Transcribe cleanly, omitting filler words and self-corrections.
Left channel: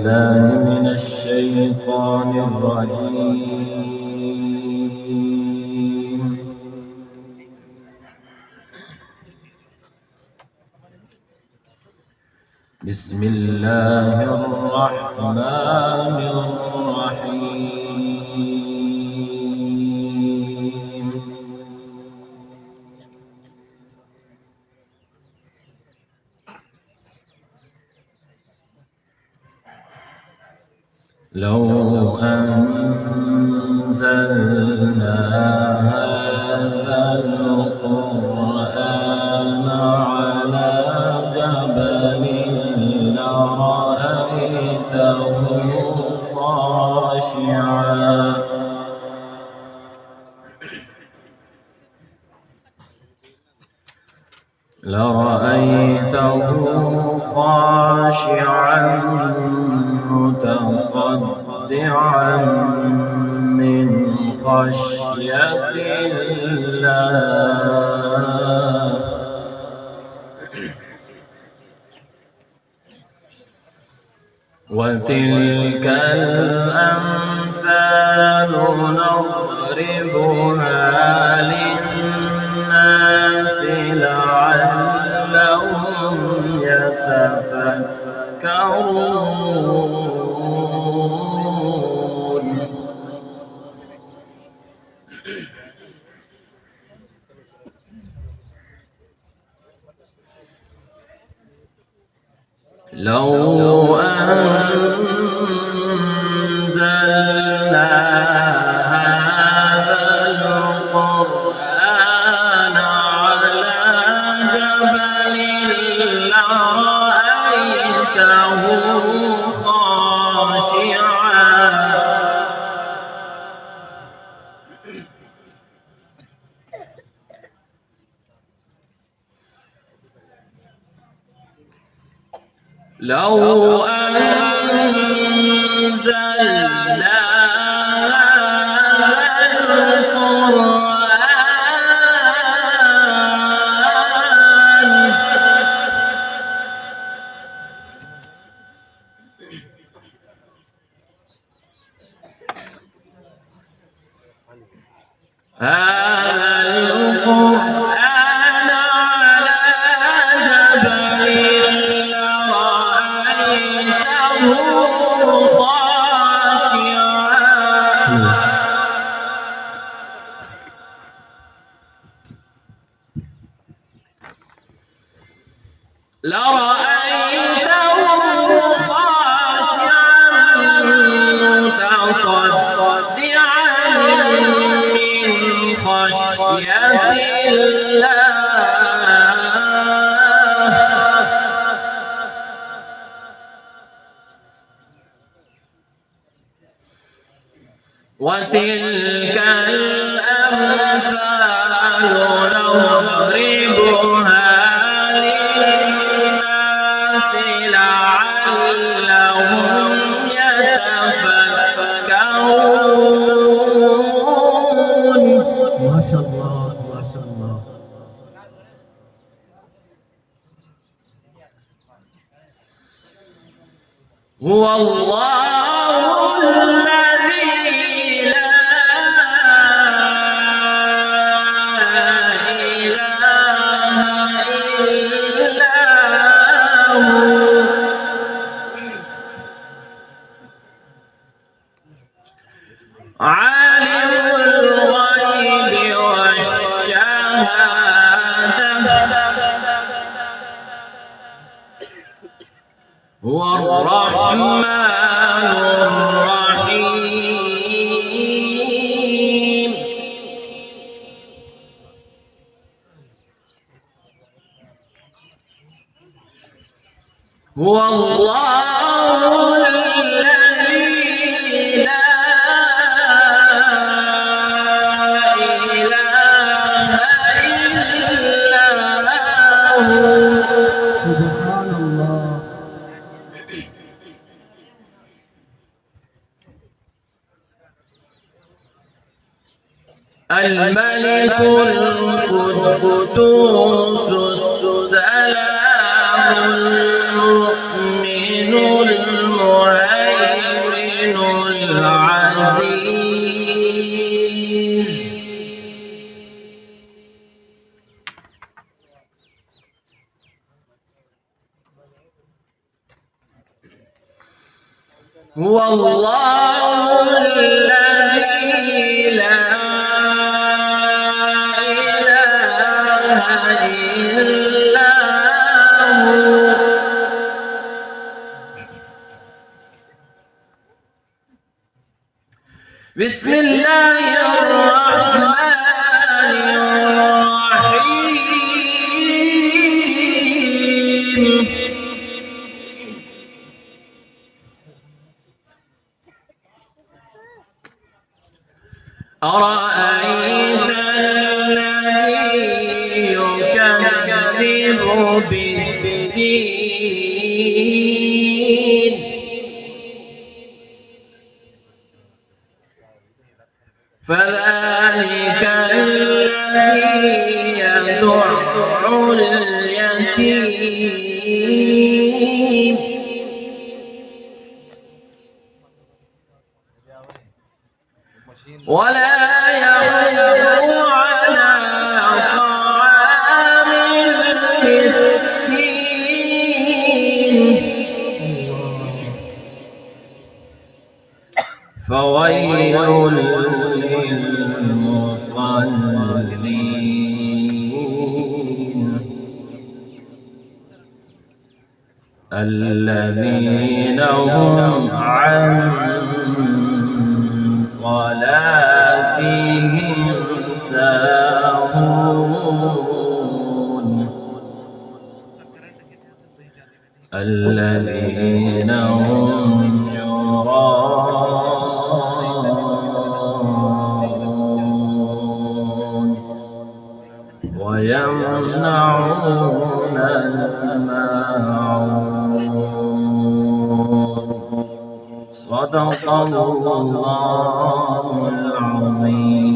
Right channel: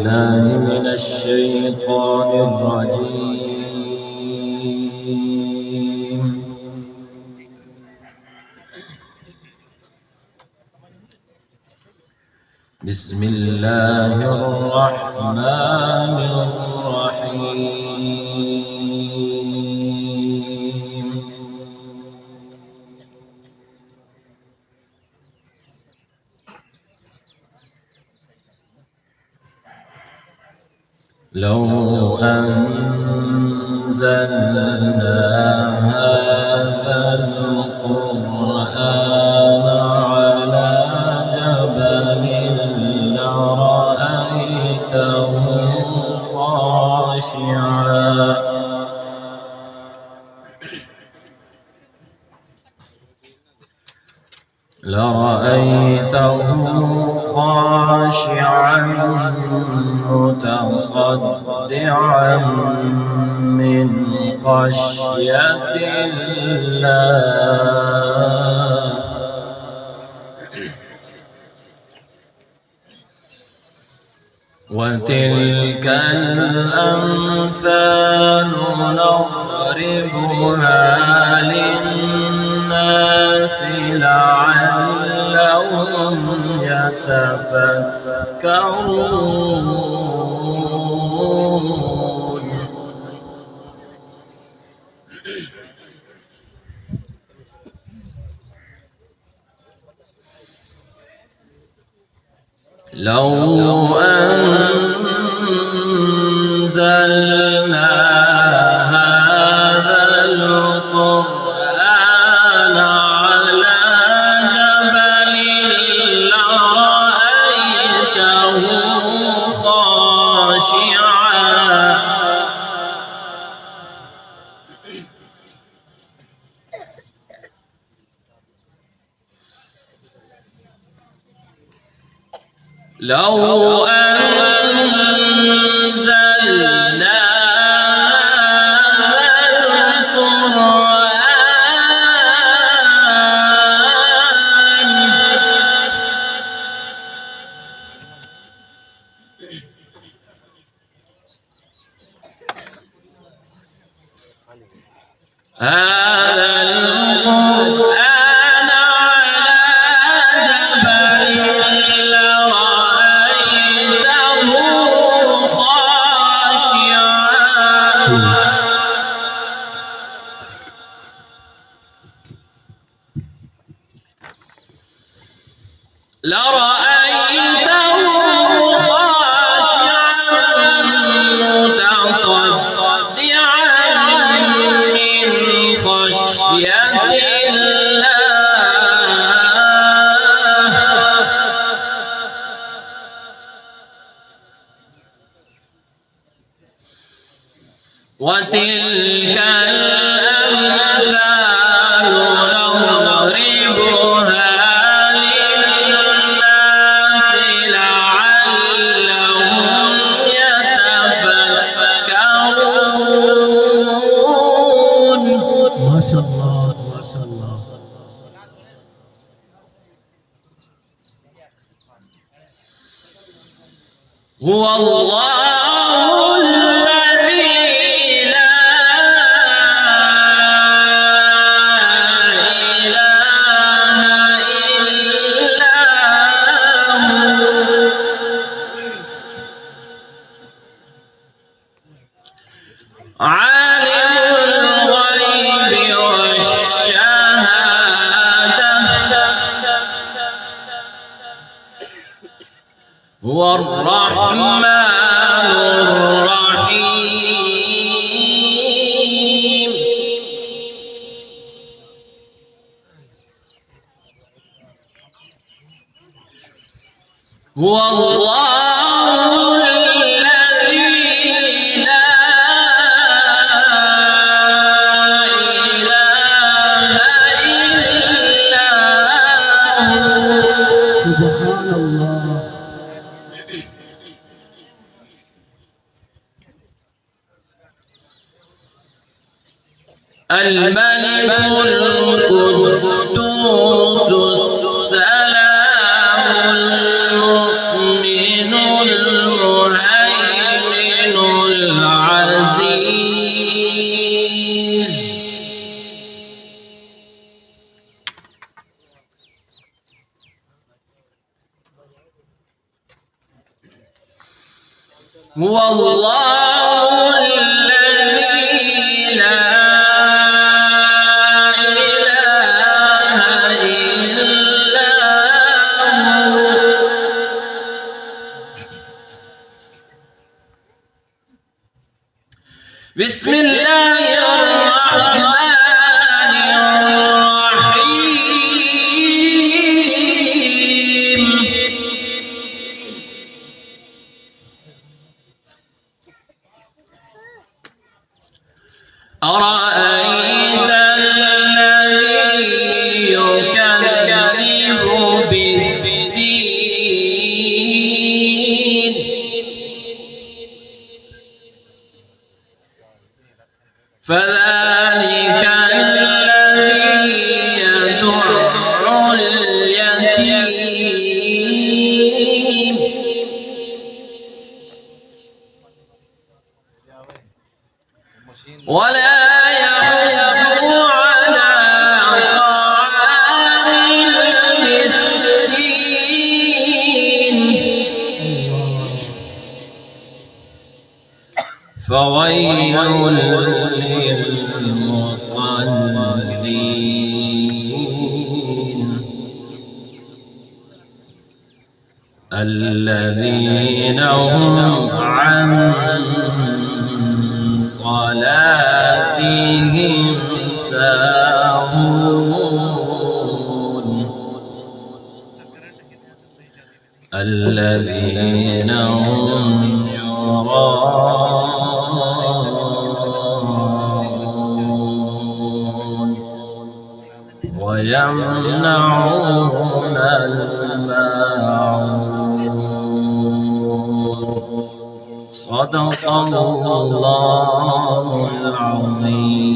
بالله من الشيطان الرجيم. بسم الله الرحمن الرحيم. لو أنزلنا هذا القرآن على جبل لرأيته خاشعا متصدعا من خشية الله. وتلك الأمثال نضربها للناس لعلهم يتفكرون. لو أنزلنا هذا القرآن على جبل لرأيته لو أنزلنا هذا القرآن لرأيته خاشعا متصدعا من خشية الله. وتلك الأمثال نضربها للناس لعلهم يتفكرون. ما شاء الله ما شاء الله. هو الله عالم الغيب والشهادة هو الرحمن الرحيم. هو الله سبحان الله. الملك القدوس السلام المؤمن المهيمن هو الله الذي لا إله إلا هو. بسم الله الرحمن الرحيم. أرأيت الذي يكذب بالدين فذلك الذي يدع اليتيم ولا يحض على طعام المسكين فويل للمصلين الذين هم عن صلاتهم ساهون الذين هم يراءون ويمنعون الماعون. صدق الله العظيم.